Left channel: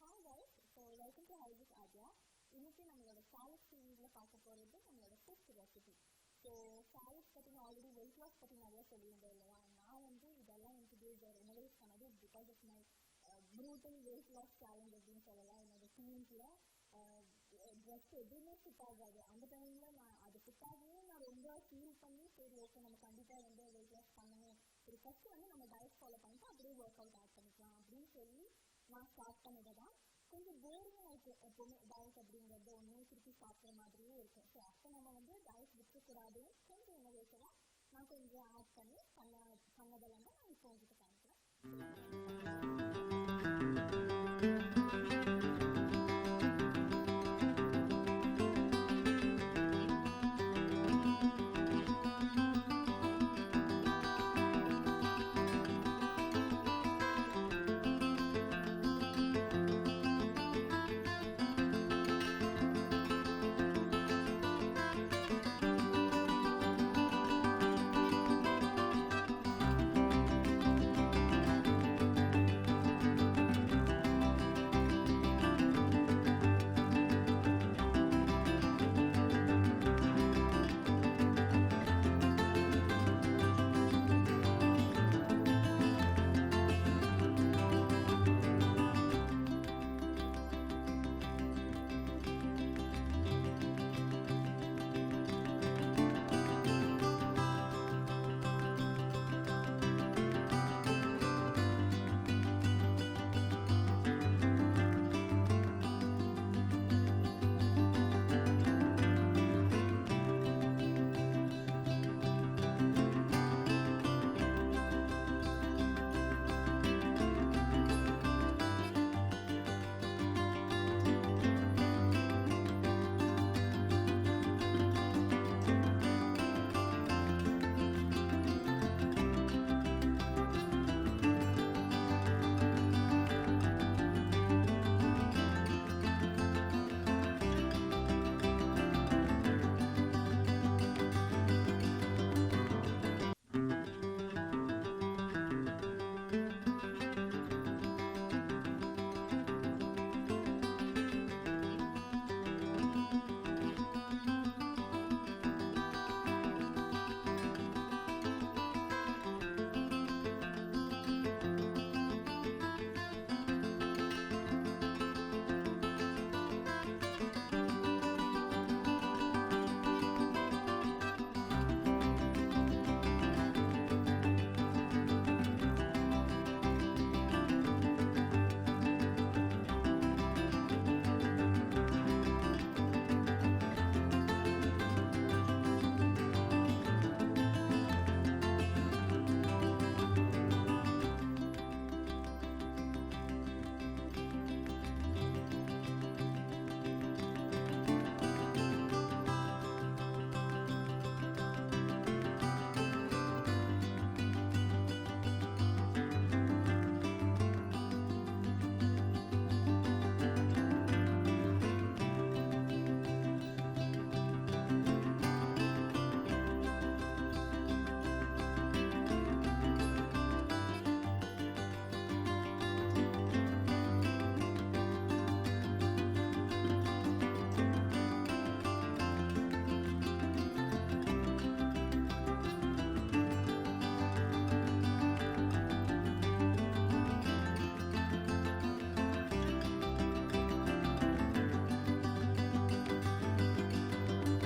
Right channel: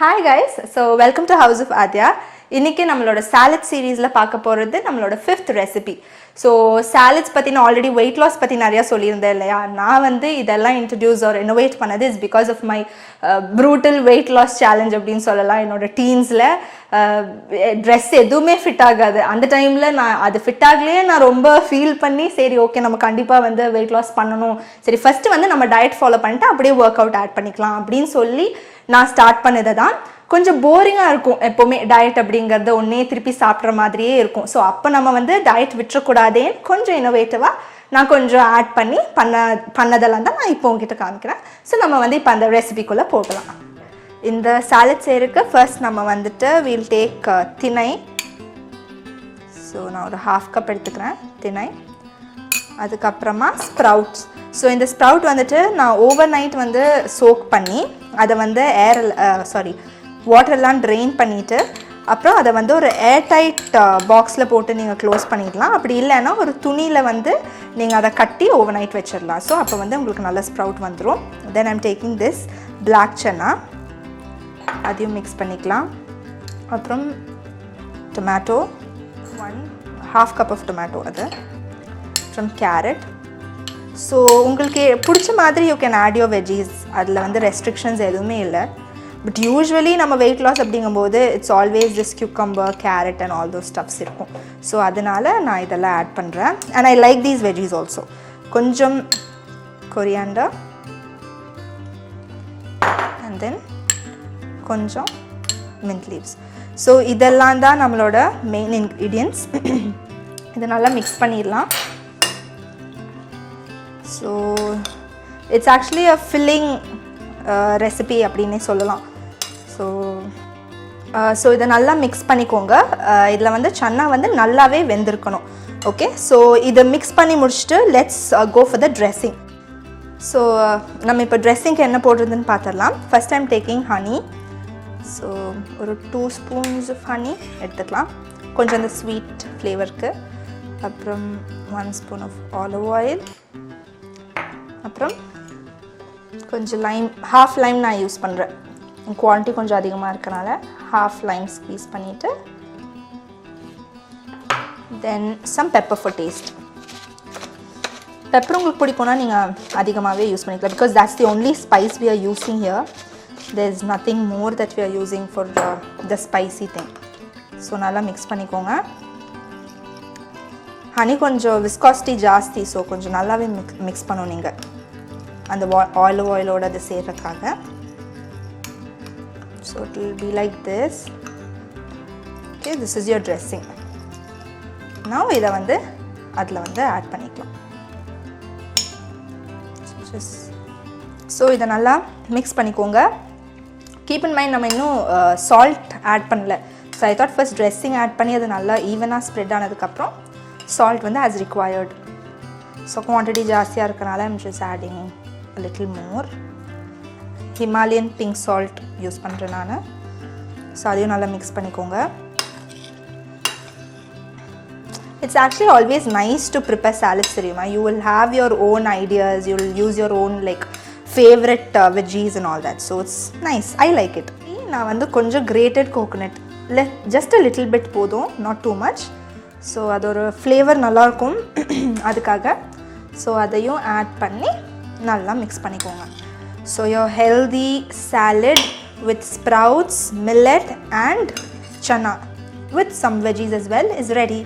Hi guys, so welcome to House of Adya. இன்னைக்கு நம்மளோட salad series ல பார்க்க போறது நம்மளோட 5th recipe. So salads பத்தி நான் already weight loss பத்தி நிறைய சொல்லியிருந்தேன் இல்லையா. நான் வந்து இதெல்லாம் introduce or innovate பண்ணது is because of my brutal weight loss challenge அப்படினு சொல்லலாம். என்னோட teensல dress எதுவுமே ஃபிட் ஆகாது. அந்த டைம்ல நான் அது ஃபிட் ஆகலையே நான் ரொம்ப ஃபீல் பண்ணி சரி ஓகே நம்ம கண்டிப்பா வந்து weight loss பண்ணனும். சரி ஃபர்ஸ்ட் வந்து நம்ம டயட் ஃபாலோ பண்ணிட்டு அப்படியே வொர்க் அவுட் ஆட் பண்ணிக்கலாம் அப்படினு சொல்லி நான் ஸ்டார்ட் பண்ணது தான். கொஞ்சம் போரிங்காக இருக்கும் எப்போவுமே டயட் அப்படிங்கிறது ஒன்றே திருப்பி சாப்பிட்ற மாதிரியே இருக்கும். ஸோ அப்போ நம்ம வந்து டயட் விட்டுறக்கூடாதே கொஞ்சம் இன்னோவேட்டிவாக நான் கொஞ்சம் ஆட் பண்ணி பண்ணதெல்லாம் தான் நான் இப்போ உங்ககிட்ட காமிக்கிறேன். ஸோ நம்ம வந்து இப்போ அந்த ரெசிபிக்குள்ளே போகலாம். இந்த சாலட் செய்யறதுக்கு ஃபர்ஸ்ட் நம்ம வந்துட்டு வீல் டேக் திணை. ஸோ நான் ஒரு 1/2 கப் எடுத்துக்கிறேன் திணை. அதுக்கப்புறமா ஸ்ப்ரவுட்ஸ். ஸோ இந்த ஸ்ப்ரவுட் வந்துட்டு நான் ஓவர் நைட் வந்து சோக் பண்ணி அதை வந்து வாட்டர்லாம் ட்ரெயின் பண்ணிவிட்டு அப்புறம் அதை வந்து ஒரு ஏர்டைட் பாக்ஸில் போட்டு நீங்கள் க்ளோஸ் பண்ணிடலாம். அப்படி இல்லைன்னா ஒரு துணியில் வந்து நீங்கள் அதை கட்டி ஓவர் நைட் வச்சிடலாம். ஸோ அப்போ வந்து உங்களுக்கு நல்ல ஸ்ப்ரவுட் வந்துடும். Then I'm taking this black chana, அதையும் மிக்ஸ் பண்ணிக்கலாம். அப்புறம் டொமேட்டோ, 1/2 கப் ஆஃப் டொமேட்டோ, அது அப்புறம் கேரட். ஸோ உங்களுக்கு பிடிச்ச மாதிரி you can add your veggies. அதில் வந்து ரெஸ்ட்ரிக்ஷன்ஸ் எதுவுமே இல்லை. பட் யூஸ்வலி நம்ம வெயிட் லாஸ் அப்படிங்கும்போது it's always this cucumber, carrot and all those stuffs இருக்கும். ஸோ அதனால் நான் இதெல்லாம் ஆட் பண்ணுறேன். And I like these veggies also. கொஞ்சம் கொரியாண்டர் அண்ட் தென் கொஞ்சம் மின்ட் லீவ்ஸ். ஸோ இதெல்லாம் தான் நம்மளோட மெயின் இன்க்ரீடியன்ட்ஸ். இதை நல்லா மிக்ஸ் பண்ணிடலாம். So it's actually a filling recipe அப்படின்னே சொல்லலாம். ஸோ இதை நல்லா மிக்ஸ் பண்ணிக்கோங்க. இதில் வந்து சன்னா வந்து நல்லாவே வெந்திருக்கணும். ஓகே, ஸோ இதை மிக்ஸ் பண்ணி முடிச்சுட்டு let's go for the dressing. So நம்ம இப்போ ட்ரெஸ்ஸிங்க்கு என்ன போடுறதுன்னு பார்த்துடலாம். First I'm taking honey. So ஒரு 2 ஸ்பூன்ஸ் ஆஃப் ஹனி எடுத்துக்கலாம், கொஞ்சம் அந்த ஸ்வீட் ஃப்ளேவருக்கு. அப்புறம் 1 ஸ்பூன் ஆஃப் ஆலிவ் ஆயில். அப்புறம் கொஞ்சம் லைம், 1/2 லைம் நான் யூஸ் பண்ணுறேன். குவான்டிட்டி கொஞ்சம் அதிகமாக இருக்கனால 1/2 லைம் ஸ்க்வீஸ் பண்ணிவிட்டு then some pepper for taste. Pepper உங்களுக்கு பிடிக்கும்னா நீங்கள் அதிகமாகவே யூஸ் பண்ணிக்கலாம். Because that's the only spice we are using here. there is nothing more that we are using for the spicy thing. So நல்லா mix பண்ணிக்கோங்க. Honey கொஞ்சம் viscosity ஜாஸ்தி, so கொஞ்சம் நல்லாவே மிக்ஸ் பண்ணணும் நீங்கள் அந்த ஆலிவ் ஆயிலோட அது சேர்றதுக்காக. So it will be like this. Okay, this is your dressing. நான் இதை வந்து அதில் வந்து ஆட் பண்ணிக்கலாம். ஸோ இதை நல்லா மிக்ஸ் பண்ணிக்கோங்க. கீப் இன் மைண்ட் நம்ம இன்னும் சால்ட் ஆட் பண்ணல. So I thought first dressing add பண்ணி அது நல்லா ஈவனாக ஸ்ப்ரெட் ஆனதுக்கப்புறம் சால்ட் வந்து ஆஸ் ரிக்வயர்ட். ஸோ குவான்டிட்டி ஜாஸ்தியாக இருக்கனால I'm just adding a little more. Himalayan pink salt use பண்ணுறேன் நான். ஸோ அதையும் நல்லா மிக்ஸ் பண்ணிக்கோங்க. It's actually always nice to prepare salads தெரியுமா. You will have your own ideas, you will use your own like favourite veggies and all that. So it's nice, I like it. நான் வந்து கொஞ்சம் grated coconut இல்லை just a little bit போதும், not too much. So அது ஒரு flavour நல்லாயிருக்கும் அதுக்காக. So அதையும் ஆட் பண்ணி நல்லா மிக்ஸ் பண்ணிக்கோங்க. So your healthy salad with sprouts, millet and channa with some veggies as well is ready.